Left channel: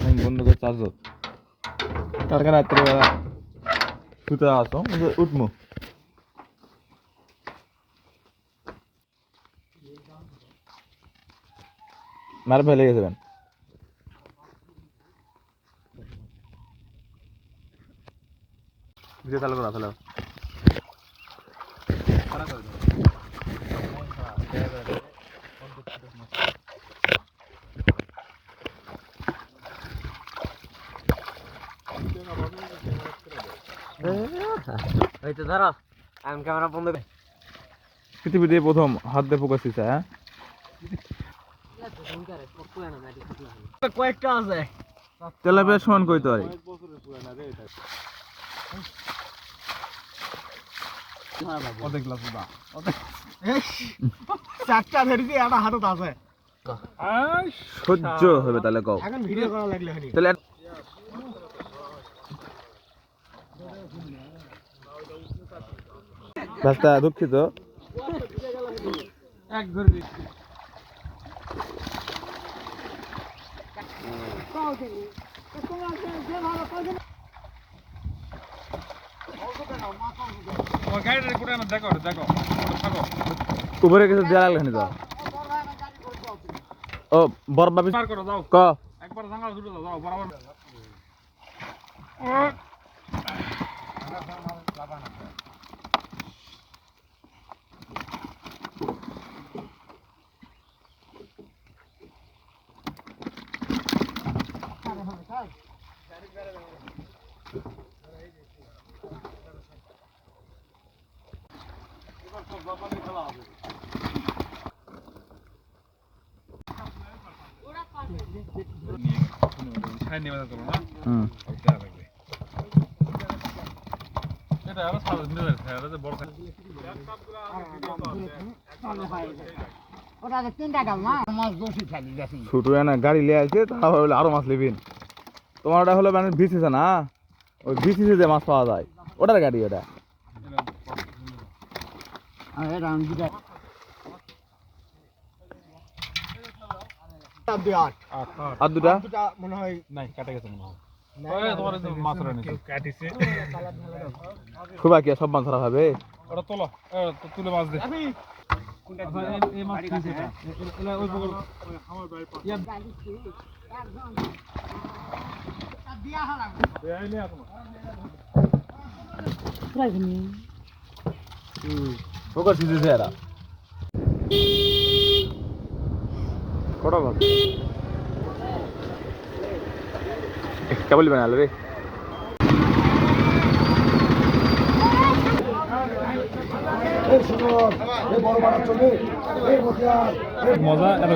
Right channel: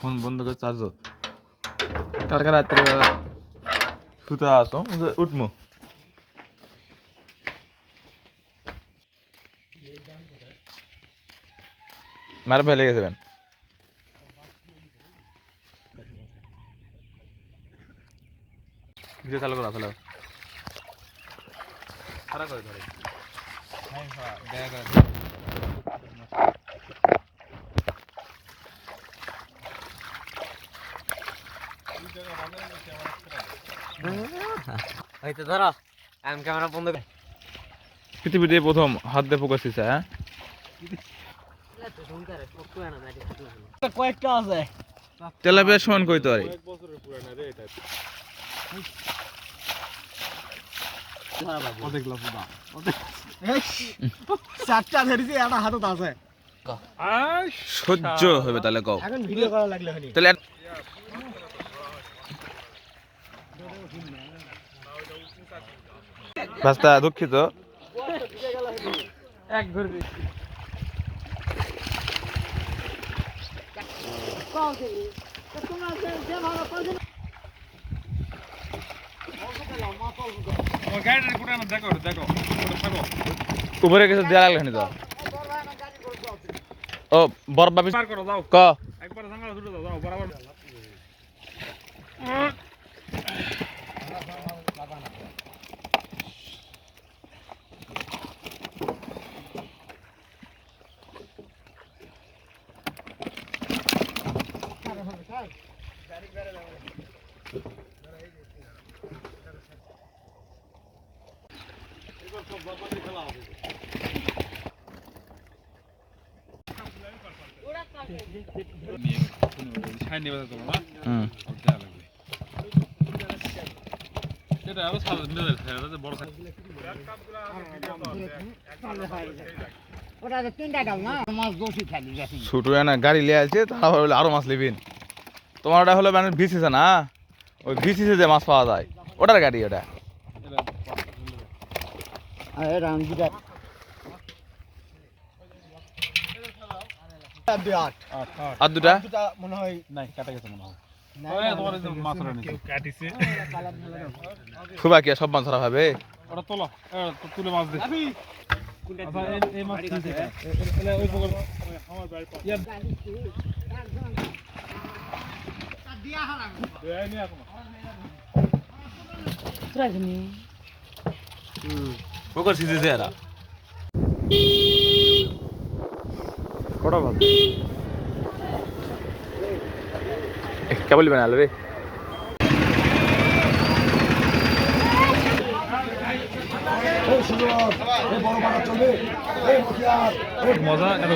phone বন্ধ করে charge কালকে রাত্রে শুতে আসো উঠমু মার ফেলে গেছে ভিডিও চালু করা ফেলো পৃথিবীতে প্রথম হাত দিয়ে ফোকাস দিছে হ্যাঁ কয়েকটা আছে তেলাপিয়া সমান কইতো আরে চারটা ধরেছি একটা হাতত আছে সহ্য হবে তাহলে কও এখন ভিডিও করা লাগলে তাহলে রাস্তা দুঃখিত এক ধরবি উপরে কিছু দেওয়া লাগলো নি তো ও বরবা ক একবার জাঙ্গা ছুটে দাও বরাবর ছোট না গাড়ি লিয়ে আছে তাহলে আরো মাছ লিবিন তোমার ওটা হলো মানে বিসিছে না ওই বিসিছে যে মাছ পাওয়া যায় ওটার গাড়ি ওটা আর দুটা মনে হয় নাই কাটা গেছে মনে হয় খুব কি সব মাছ ধরা হবে তুলে মাছ দে কেবল বানালো রে মজা এত